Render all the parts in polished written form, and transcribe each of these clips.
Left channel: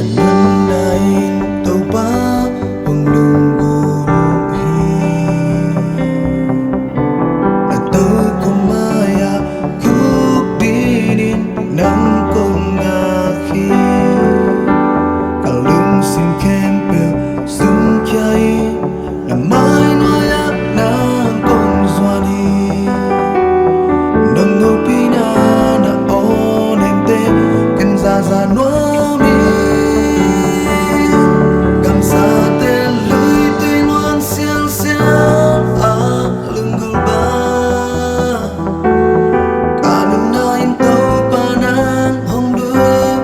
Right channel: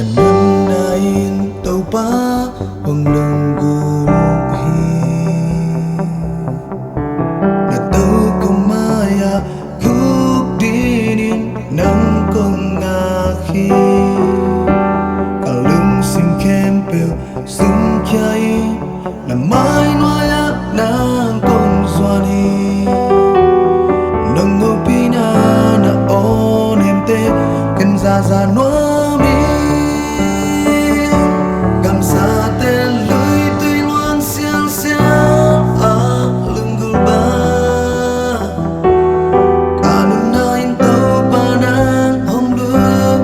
Kanunnain tau pa penglungguhi na tau kumaya kuk dinin nang kong aki kalung sim kempel sung kiai na mai noya nang kong zwani nang ngopina na on hemte kan za noa mi sa tên lưới tuy loan xiang xiang lưng gul ba cả nương nain tàu panang hong đưa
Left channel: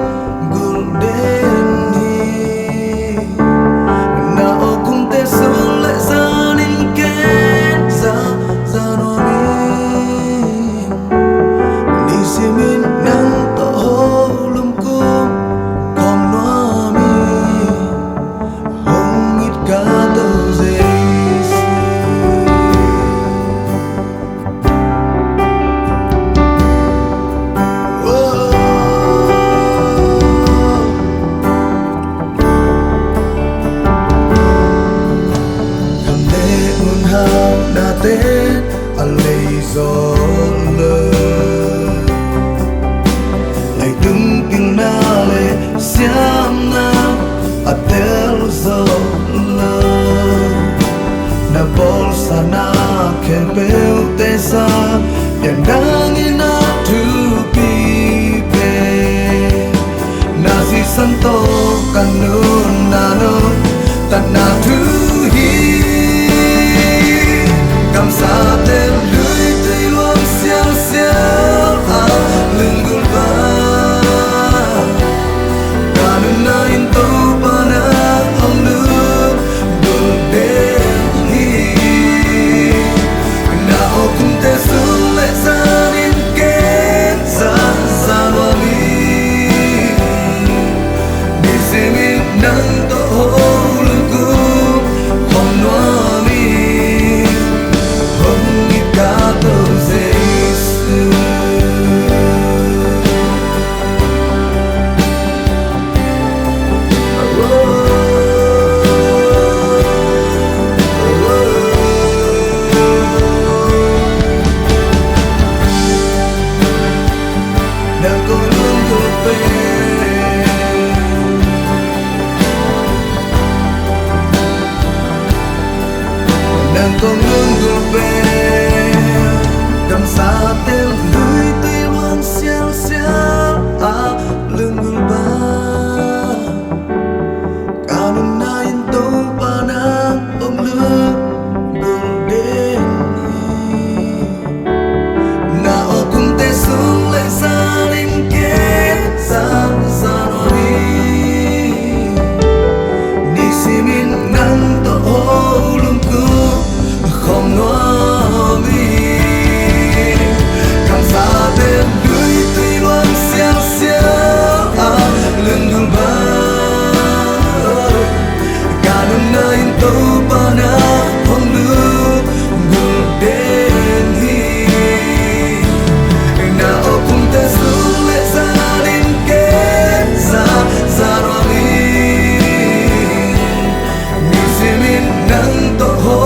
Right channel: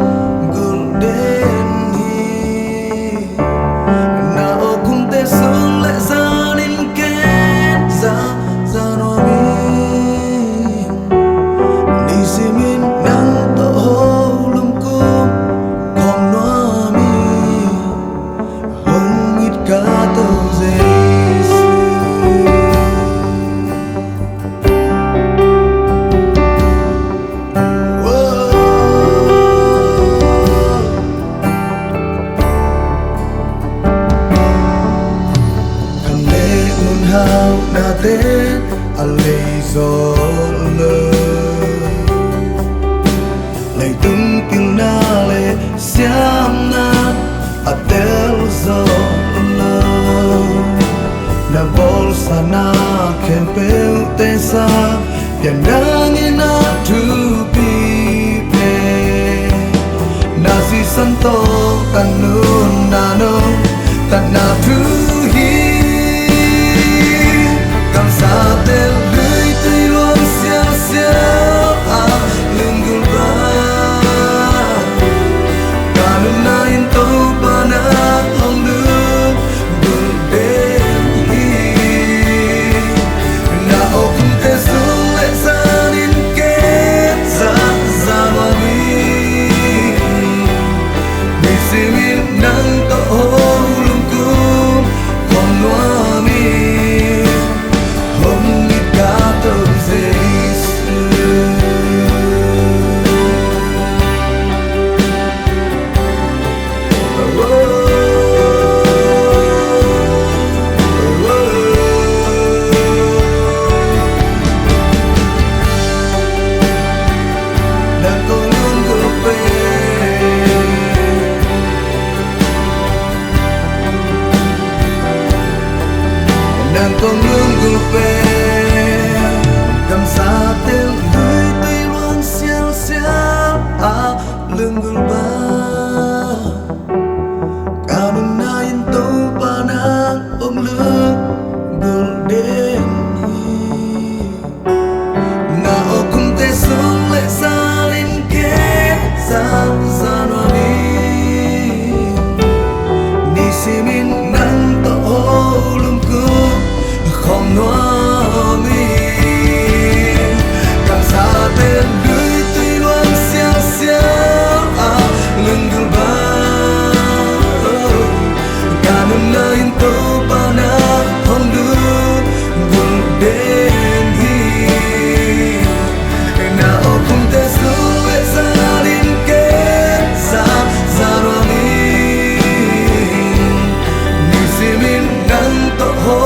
gul đến hi na o kum te sung lệ ra nên kết ra no min ni simin nang to ho lum kum kom no mi cả tàu dây khăn lệ nguồn hào na tên a lây gió lơ lây tung kêu na lệ xiam na a tel gió na bolsa na kempel tesa yang dangin na tupipe nasi santo kanun nano tanah tuhi kam sa tel lui tui luang xiao xiao lưng gul ba kanun na in to pana hong lu gul de kum te sung lệ ra nên kết ra noa mi ni simin nang to ho lung kum kom noa mi hong ít cả tàu dây xưa nang ko luôn gupe nang ko luôn gupe cầm sa tel lưới tuy loan xiao xiao lưng gul ba kanun nain tau panang ong lưng gul den na o kum te sung lệ sa lên kết ra no mi ni simin nang to ho lum ku không no mi kam sa tên lưới tuy loan xiao xiao lưng gul ba cả nương nain tau panang hong đưa gul đến hi na o kum te sung lệ ra nên kết ra noa mi ni simin nang to ho